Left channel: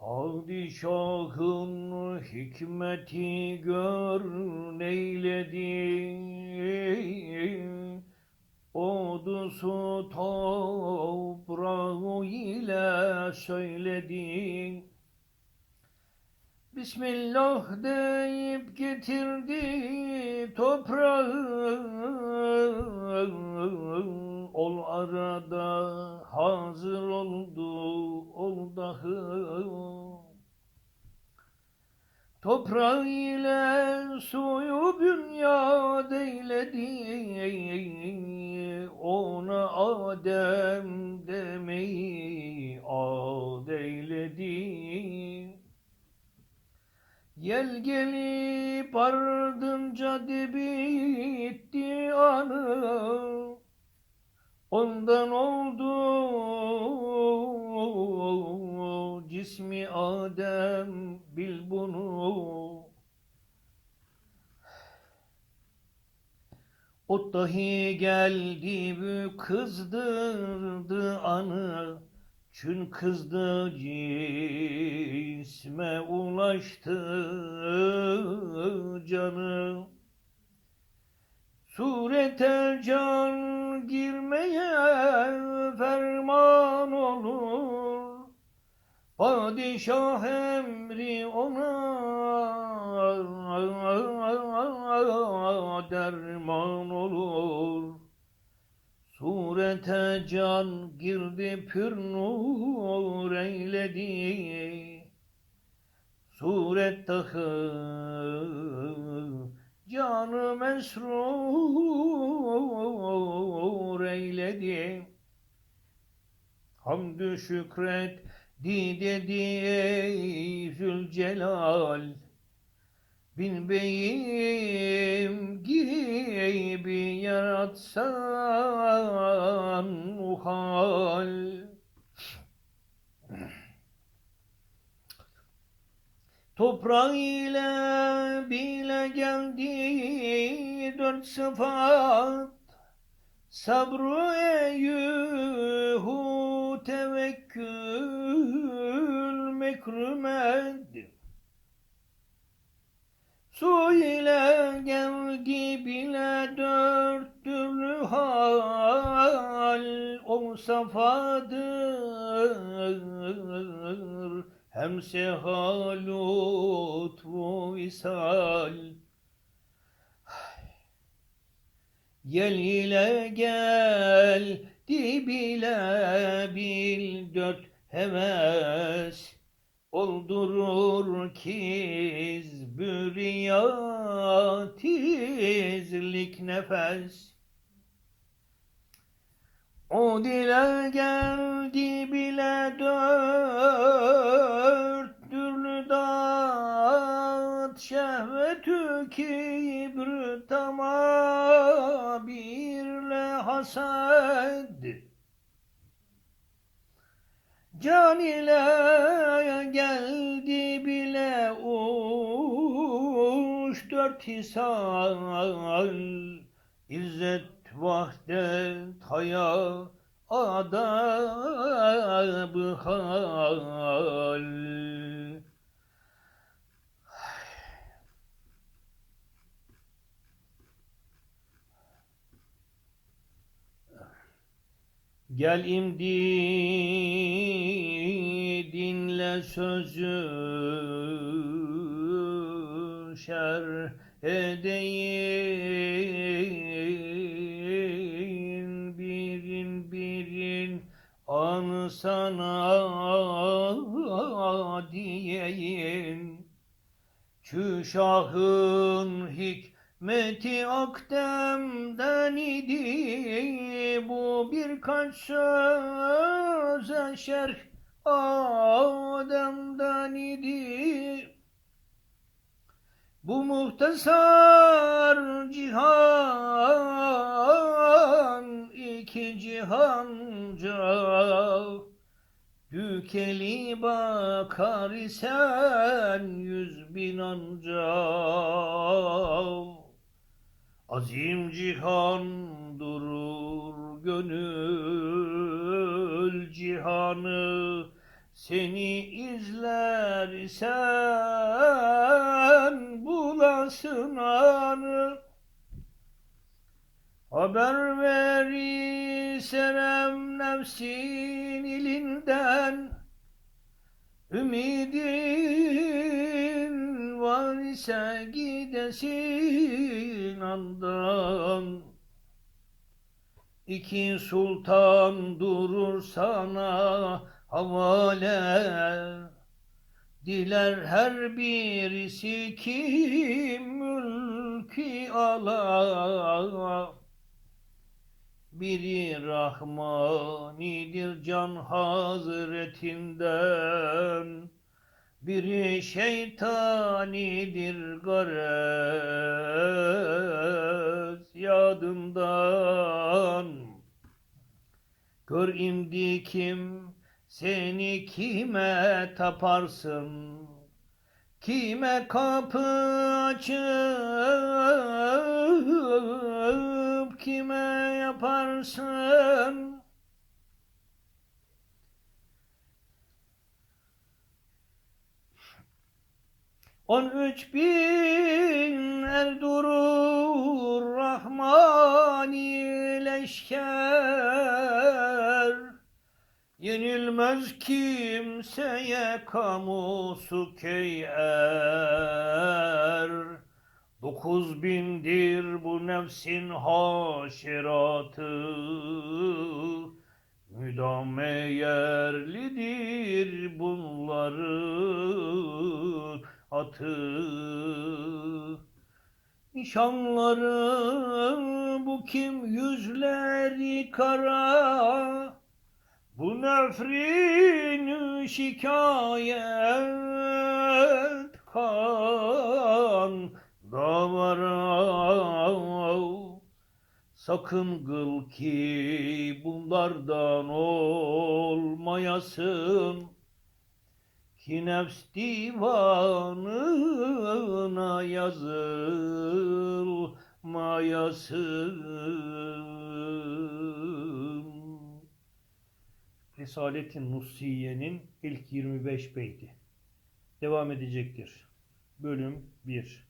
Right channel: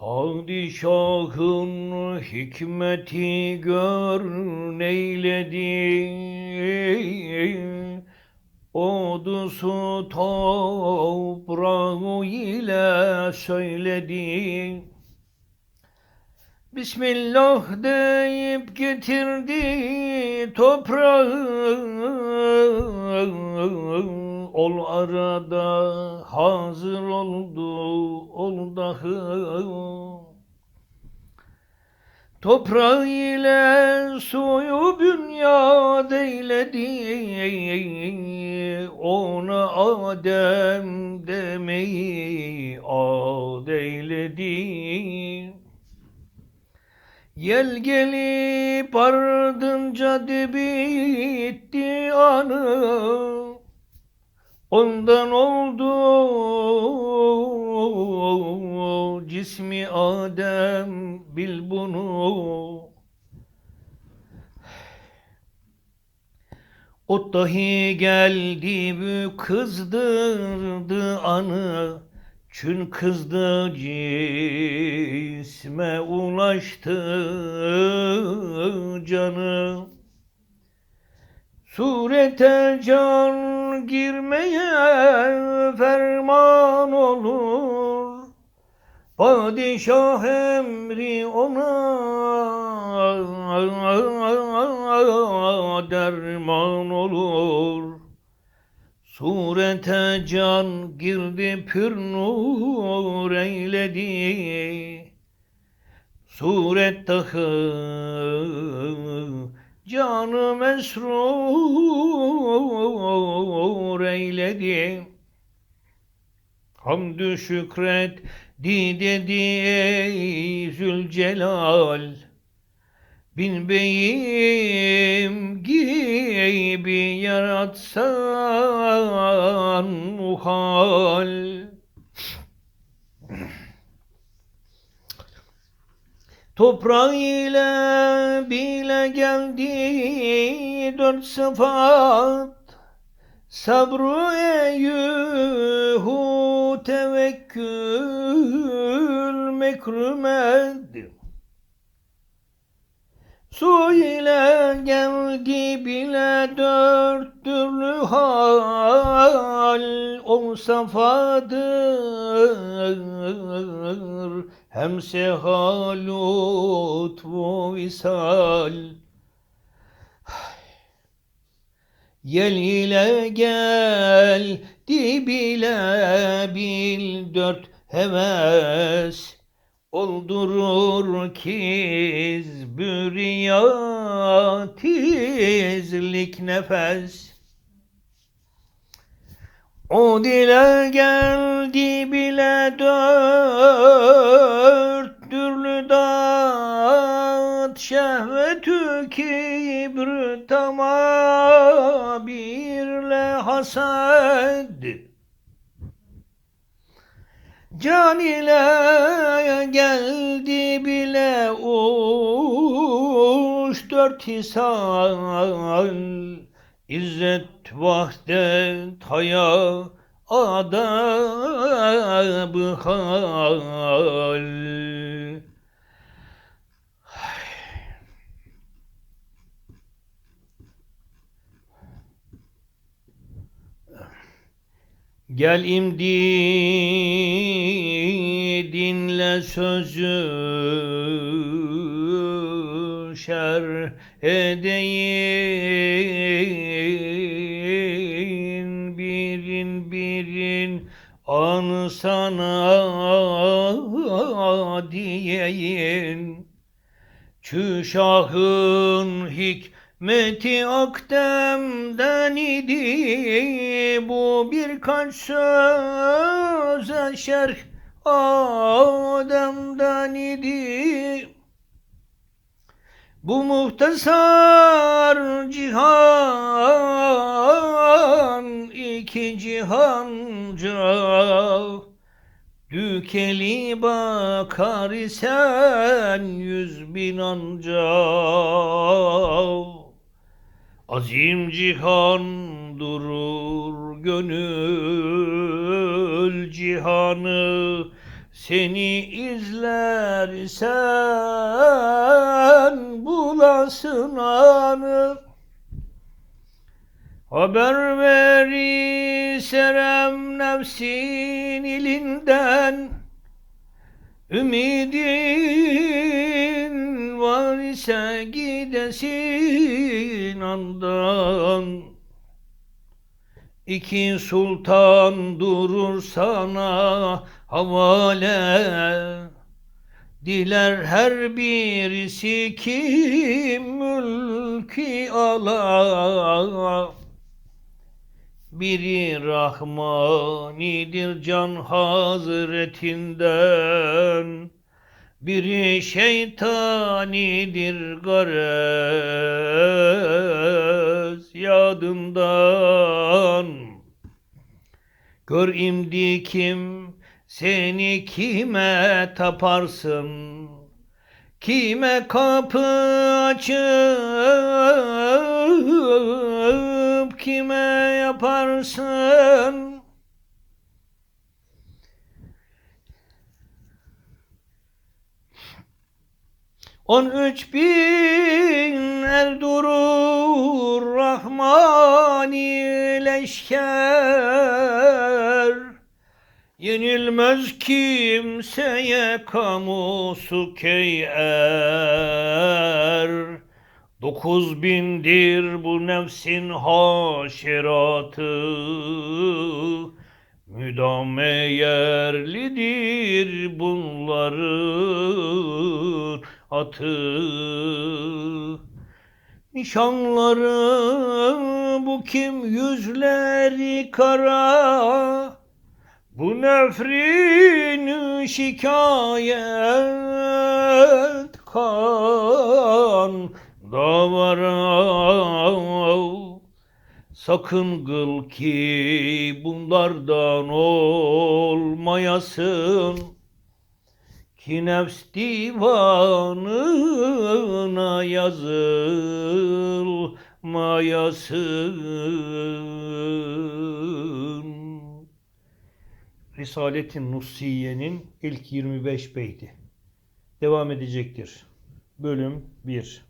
Padişahın hikmeti gör neyledi. Ordusu toprağı ile söyledi. Bismillah deyip getirdi toprağı Toprağı ile suyu bünyad eyledi. Ona Adem demeyi ad eyledi. Yel gelip ardınca bitti anı. Ondan oldu cismi Adem bil bunu. O dahi geldi bu kızdırdı anı. Çün kızdı cisme ulaştı canı. Surete can girmeye ferman olur Padişah emri ona derman olur. Surete can girdi pür nur eyledi. Suret dahi canı mesrur eyledi. Hamdü şükret di dedi ey Zülcelal Bin beyim gibi yaratsan muhal. Toprağı ile bile geldi dört sıfat Sabru eyyuhu tevekkül mekrumet Su ile geldi bile dört türlü hal O safadır hem sehal lütfu visal. Yel ile gel bile bil dört heves Oldurur kiz büriyatizlik nefes. O dile geldi bile dat Şehvetü kibr tamam birle hased Can ile geldi bile uç dört hisal İzzet vahdet haya adab hal Gel imdi dinle sözü şer edeyin birin birin an sana diyeyin Çüşahın hikmeti akdemden idi Bu birkaç söze şerh. Adem'den idi Bu muhtasar cihan iki cihanca Dükeli bakar isen yüz bin anca Azim cihan durur gönül cihanı. Seni izlersen bulasın anı. Haber veri serem nefsin ilinden. Ümidin ise gidesin andan. İki sultan durur sana havale. Diler her birisi kim mülki ala. Biri Rahmanidir can hazretinden Biri şeytanidir garez yadından Gör imdi kim seni kime taparsın? Kime kapı açıp kime yaparsın On üç bin er durur Rahmani leşker Yenilmez kimseye kamusu keyer. Dokuz bindir bu nefsin haşeratı. Müdame yerlidir bunların atı Nişanları bu kim? Yüzleri kara. Bu nefrin şikayet kan davara. Sakın kıl ki bunlardan olmayasın Ki nefs divanına yazılmayasın. Risale-i Nusiye'nin ilk 25 beyti. Devam edecektir. Bölüm 1